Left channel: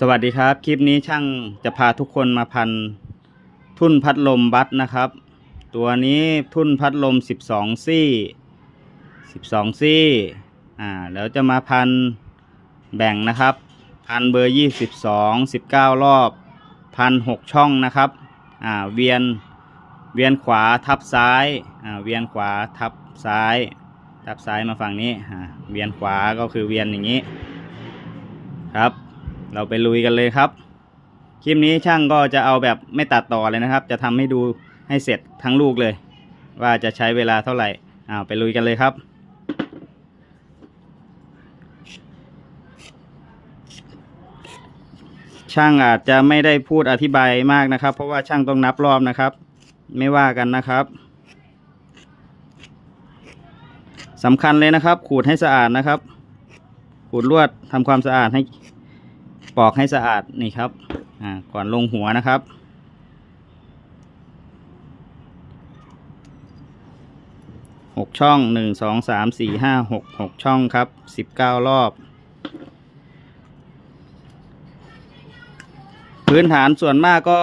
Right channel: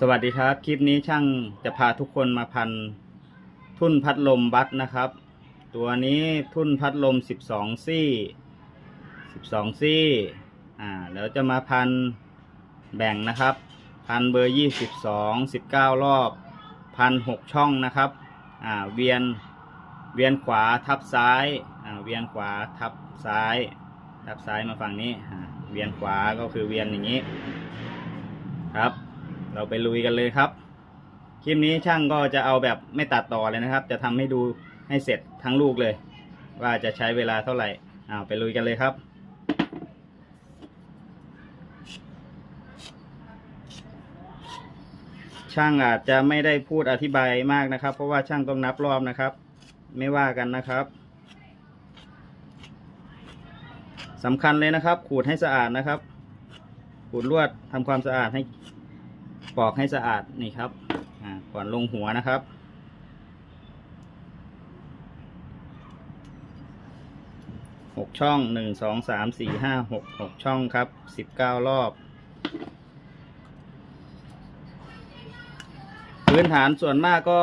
สวัสดีครับ คลิปนี้ช่างจะพาทุกคนมาพันทุ่นพัดลมบัสนะครับ ตัวนี้ทุ่นพัดลม 12 ซี่ 12 ซี่ อ่าแล้วจะมาพันแบ่งนะครับ พันเบอร์ 22 19 รอบพัน6ช่องนะครับ อ่าเวียนเวียนขวาทับซ้าย อ่าเวียนขวาทับซ้าย ทับซ้ายมาฝั่งนี้ อ่าเวียนขวาก็คือเวียนอย่างนี้ครับ เราไปลุยกันเลยครับ คลิปนี้ช่างก็จะเอาแบบไม่ตัดต่อเลยนะครับ จะทำให้ดูให้เสร็จทั้งลูกเลย ว่าจะใช้เวลาเท่าไหร่อ้าวไปลุยกันเลยครับช่างอาจจะไม่ได้พูดอธิบายมากนะครับ เพราะว่าช่างต้องนับรอบนะครับ ไม่ว่ากันนะครับสำคัญเลยนะครับ ขูดให้สะอาดนะครับ ขูดลวดทำความสะอาดให้ ปอกให้สะอาดนี่ครับก่อนลงหัวนะครับ หกช่องหนึ่งสองสามสี่ห้าหกหกช่องครับสิบเก้ารอบ พื้นฐานส่วนมากก็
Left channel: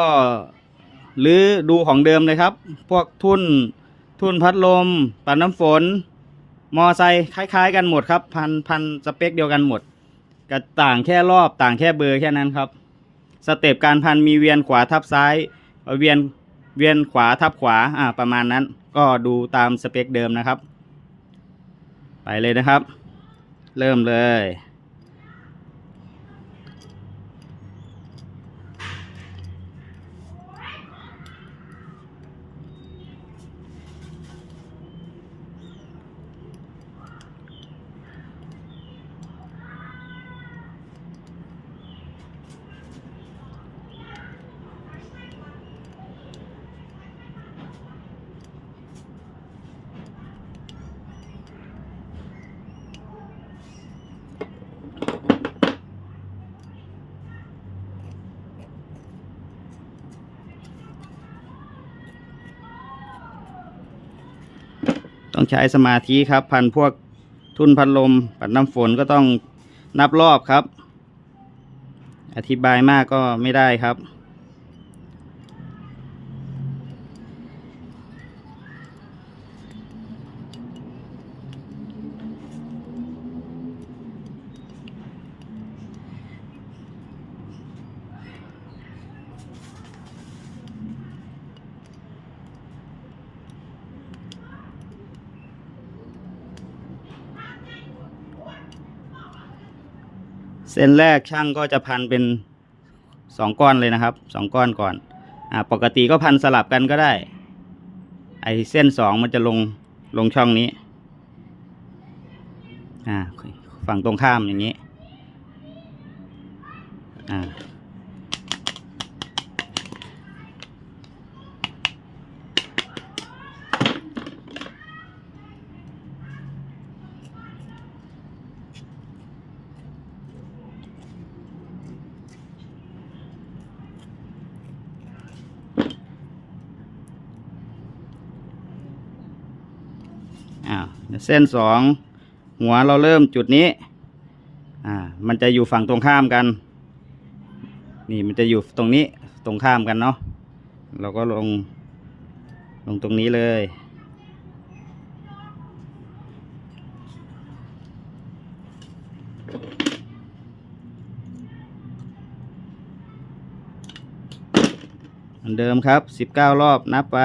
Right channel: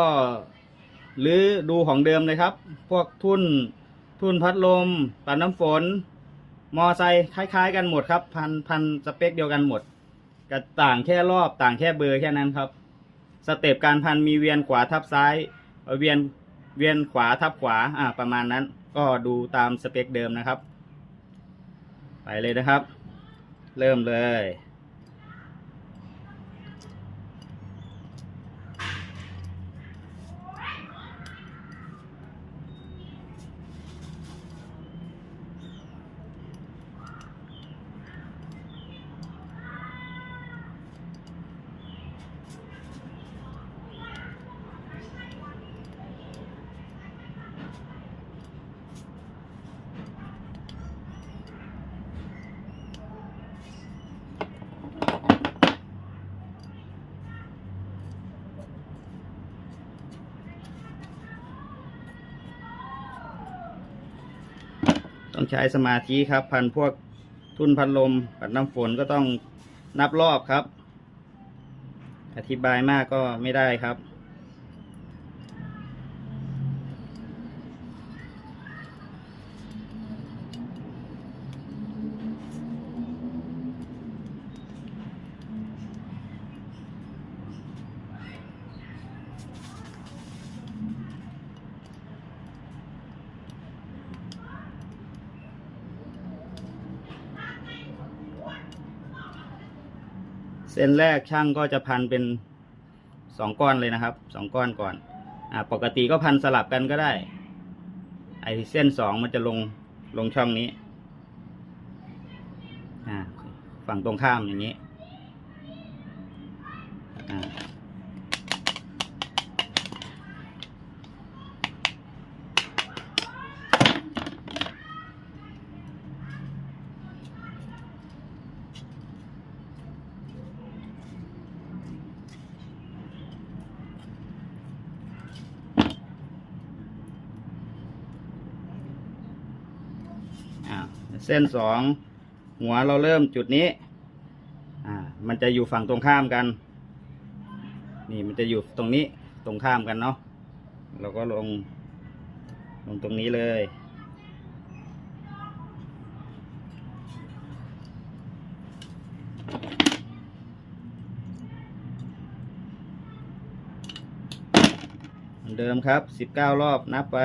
หรือดูของเดิมเลยครับ พวกทุ่นทุ่นพัดลม ปัดน้ำฝน มอไซค์คล้าย ๆ กันหมดครับ พันพันสเปคเดียวกันหมด ก็ต่างแค่รอบต่างแค่เบอร์แค่นั้นครับ สเต็ปการพันมีเวียนขวาทับซ้ายเอ่อเวียนเวียนขวาทับขวาอ่าประมาณนั้น ก็ดูตามสเปคเดิมนะครับ ไปเลยนะครับ เริ่มเลย ต้องใช้สมาธิครับ พันพวกทุ่นพัดลม ปัดน้ำฝนก็ต้องนับรอบครับ อธิบายมากก็ไม่ได้ครับ เส้นแรกช่างก็จะพันเป็นสองก้อนเลยนะครับสองก้อนก่อนอ่าปกติก็พันสลับกันก็ได้ ไอเส้นสองมันจะลงลงช่องนี้อ่าฝั่งตรงข้ามอย่างนี้อ่า อ่าเส้นสองหัวเราเริ่มจุดนี้อ่ามันจะอยู่ฝั่งตรงข้ามกัน นี่มันจะอยู่ตรงนี้ตรงข้ามกันเนาะเราก็ลงลงตรงนี้เลยเหมือนเดิมครับ 19 รอบนับไป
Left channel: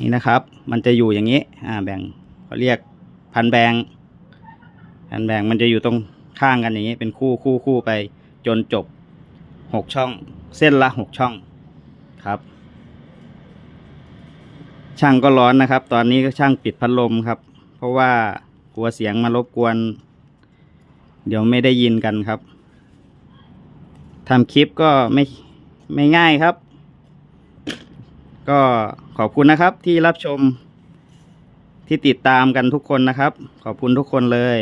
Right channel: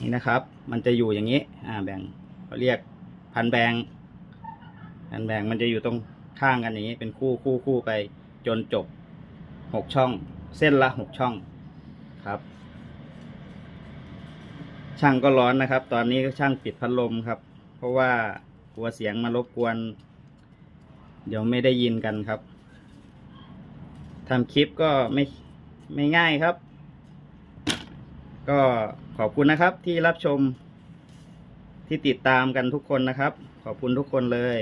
นี่นะครับ มันจะอยู่อย่างนี้อ่าแบ่งเขาเรียกพันแบงพันแบงมันจะอยู่ตรงข้างกันอย่างนี้ เป็นคู่คู่คู่ไปจนจบหกช่อง เส้นละหกช่องครับ ช่างก็ร้อนนะครับ ตอนนี้ก็ช่างปิดพัดลมครับ เพราะว่ากลัวเสียงมารบกวน เดี๋ยวไม่ได้ยินกันครับทำคลิปก็ไม่ไม่ง่ายครับ ก็ขอบคุณนะครับที่รับชมที่ติดตามกันทุกคนนะครับ ขอบคุณทุกคนเลย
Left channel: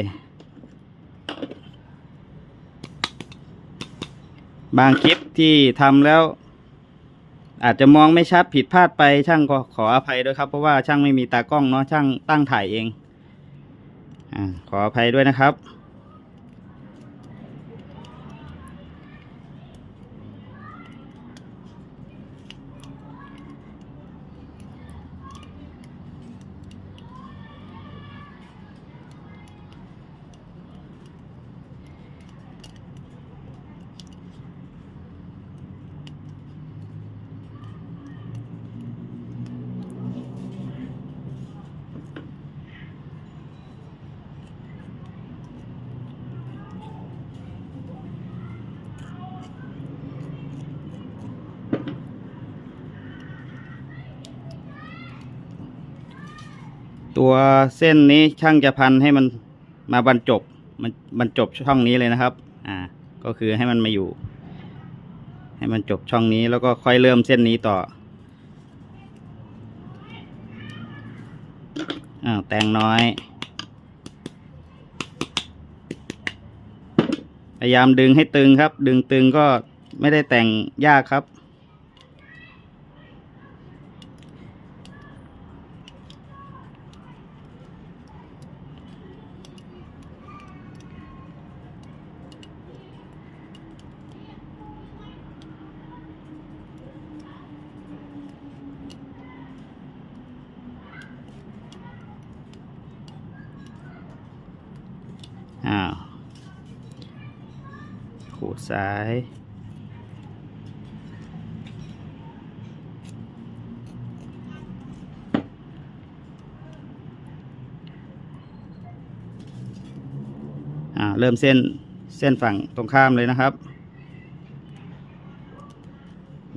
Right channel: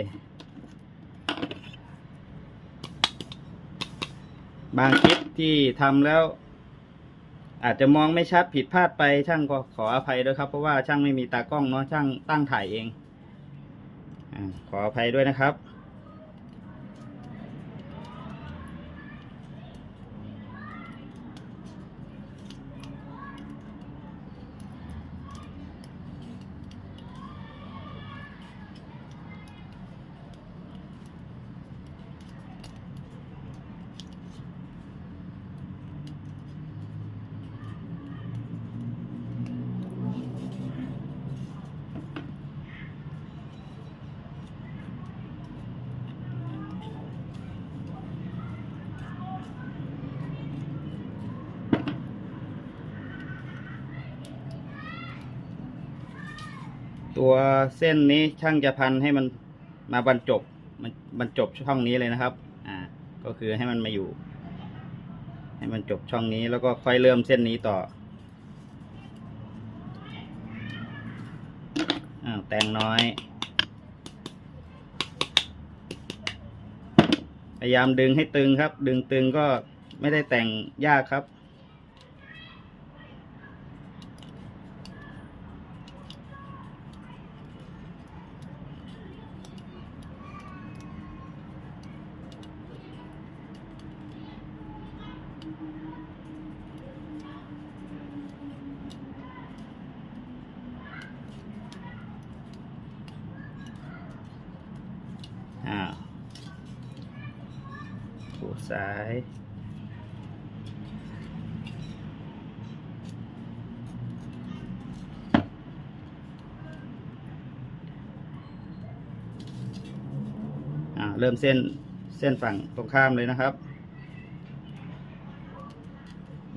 บางคลิปที่ทำแล้ว อาจจะมองไม่ชัดผิดพลาดไปช่างก็ขออภัยด้วยครับ เพราะว่าช่างไม่มีตากล้องเนาะช่างตั้งถ่ายเองอขออภัยด้วยนะครับ ตัวเส้นนี้ช่างจะพันให้มันมาบรรจบมันบรรจบช่องนี้เลยนะครับ อ่า ก็คือให้มันมาอยู่ ให้มันจบช่องนี้แล้วก็ค่อยเริ่มเส้นนี้ต่ออ้าวแต่งน้อย พยายามดึงให้ตึงครับ ดึงตึงก็ไม่ได้แต่งยากครับ ซ้าย เริ่มเส้นเส้นฝั่งตรงข้ามเลยนะครับ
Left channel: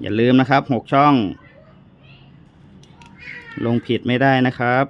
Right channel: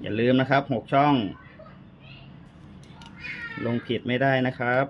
อย่าลืมนะครับหกช่อง ลงผิดไม่ได้นะครับ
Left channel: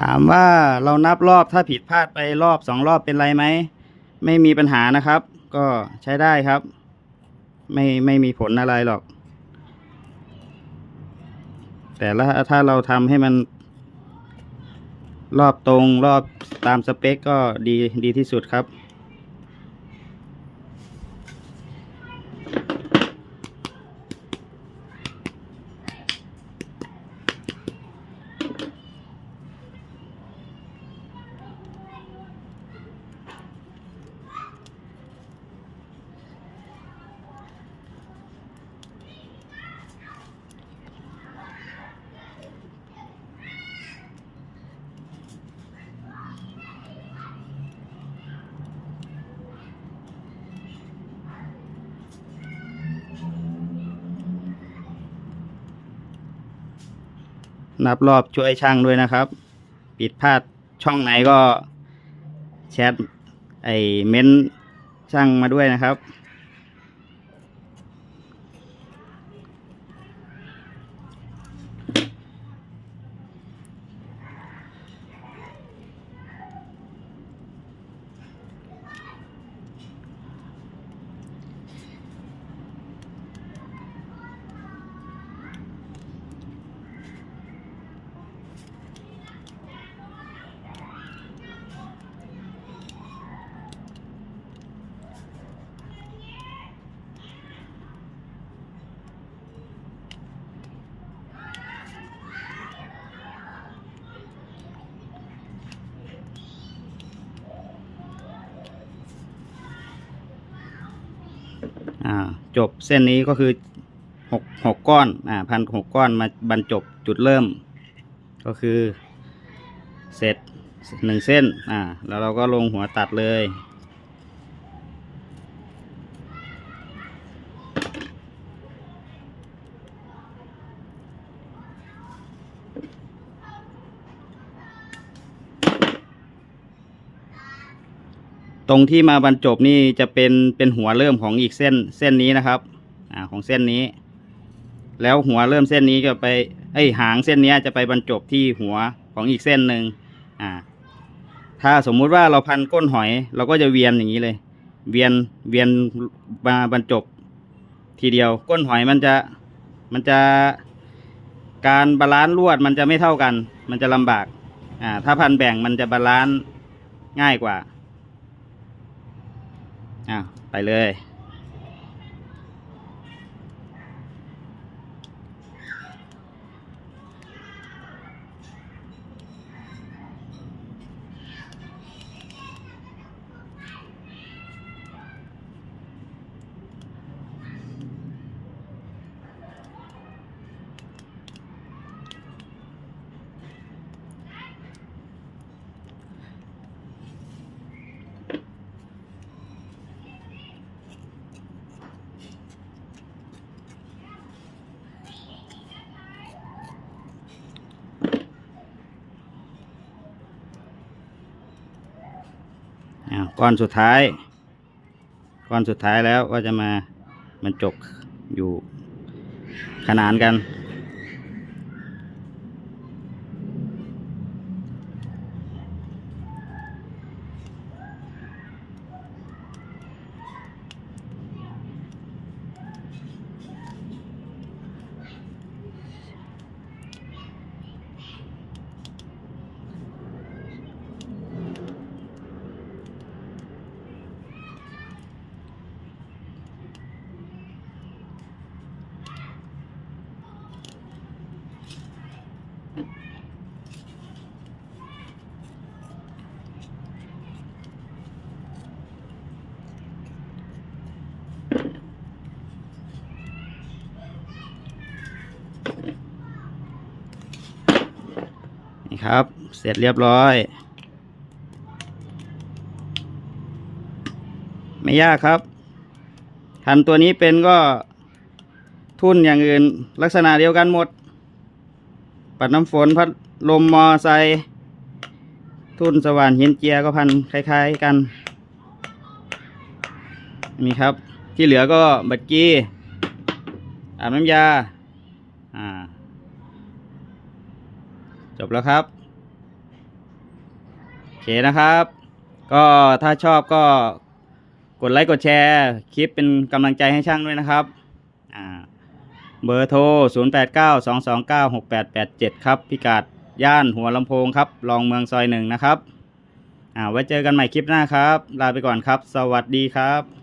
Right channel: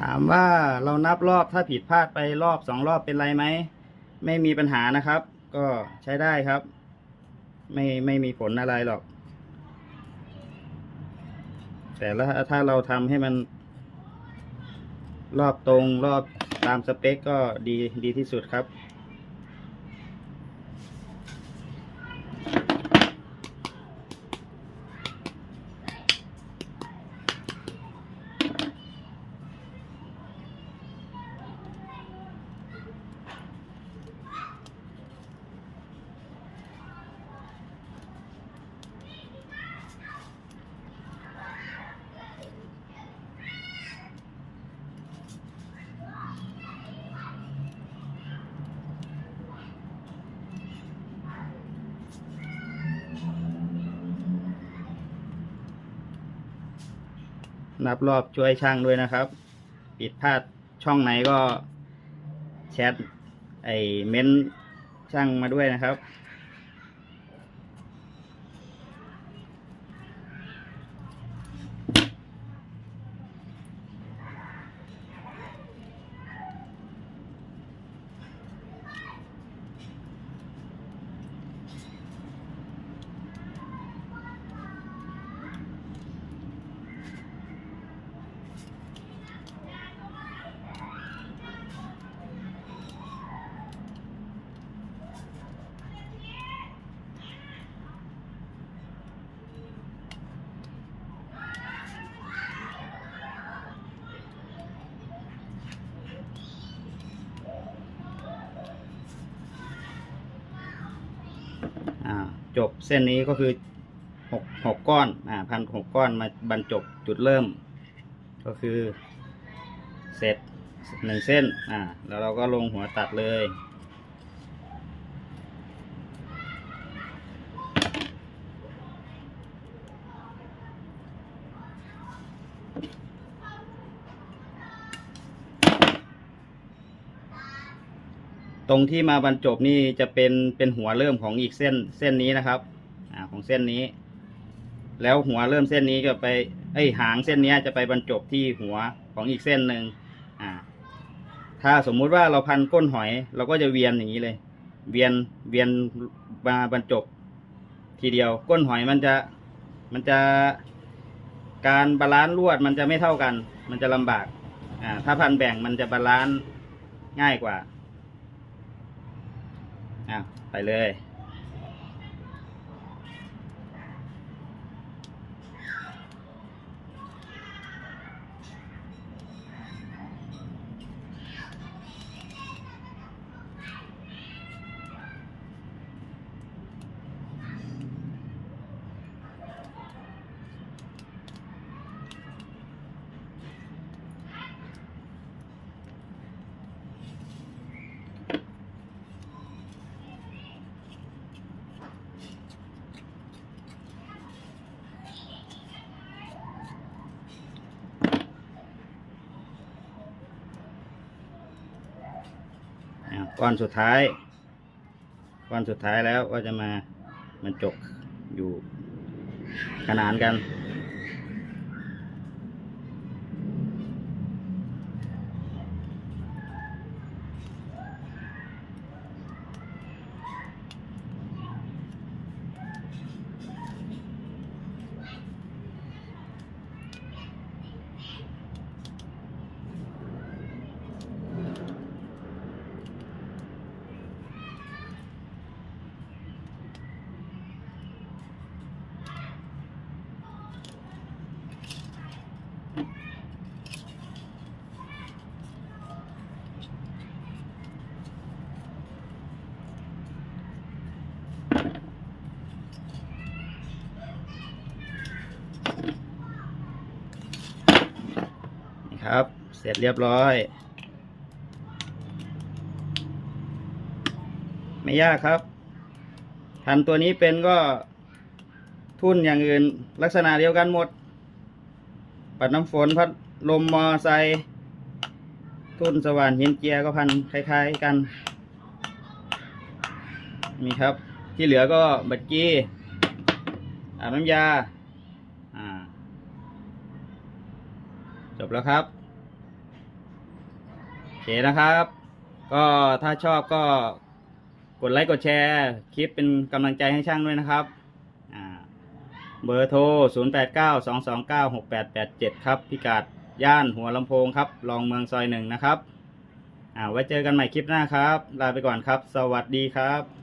ถามว่าเรานับรอบถ้าผิดพลาดไปรอบสองรอบเป็นไรไหม ไม่มีปัญหานะครับ ก็ใช้ได้ครับ ไม่ไม่มีผลอะไรหรอก แต่ละถ้าเราทำให้มัน รอบตรงรอบตามสเปคก็ดีดีที่สุดครับ นับรอบช่วยช่างด้วยนะครับ ปิดพลาดช่องไหนก็แชทไอเม้นช่างมาด้วยนะครับ จบเส้นนี้ก็คือหกหกก้อนอ่าพันหกก้อนมาบรรจบจุดเริ่ม ก็คือเสร็จหนึ่งเส้นอ่าแล้วเราก็ลงหัวตัดเลย ตรงที่มาบรรจบนี่จะเป็นเป็นหัวเริ่มของอีกเส้นเส้นนี้นะครับอ่าของเส้นนี้ แล้วหัวเริ่มเส้นนี้จะไปไอหางเส้นนี้จะไปบรรจบที่หัวของอีกเส้นหนึ่งอ่า ถ้าสมมุติว่าเราพันก้นหอย เราก็จะเวียนอย่างนี้เลย เวียนเวียนมาบรรจบ ทีเดียวก้นหอยมันจะมันจะการบาลานซ์ลวดมันจะไม่เท่ากัน มันจะลำบากอ่าถ้าพันแบ่งมันจะบาลานซ์ง่ายกว่า อะไปเลย อะก้อนสุดท้าย ก้อนสุดท้ายแล้วก็จะมามันจบอยู่ขนานกัน นี่ครับ เสร็จเรียบร้อย ไม่ยากครับทันตัวนี้เป็นก็ทุ่นอย่างอื่น ลักษณะเดียวกันหมด ปัดน้ำฝนพัดลมมอไซทุ่นสว่านหินเจียก็พันคล้าย ๆกัน นี่ครับที่เหลือก็บัดกี้อาบน้ำยา อ่า จบแล้วครับโอเคนะครับ ก็ถ้าชอบก็กดไลค์กดแชร์ คลิปเป็นกำลังใจให้ช่างด้วยนะครับเบอร์โทร 0 8 9 2 2 9 6 8 8 7 ครับ พิกัดย่านหัวลำโพงครับ รองเมืองซอยหนึ่งนะครับอ่าไว้เจอกันใหม่คลิปหน้าครับ ลาไปก่อนครับ สวัสดีครับ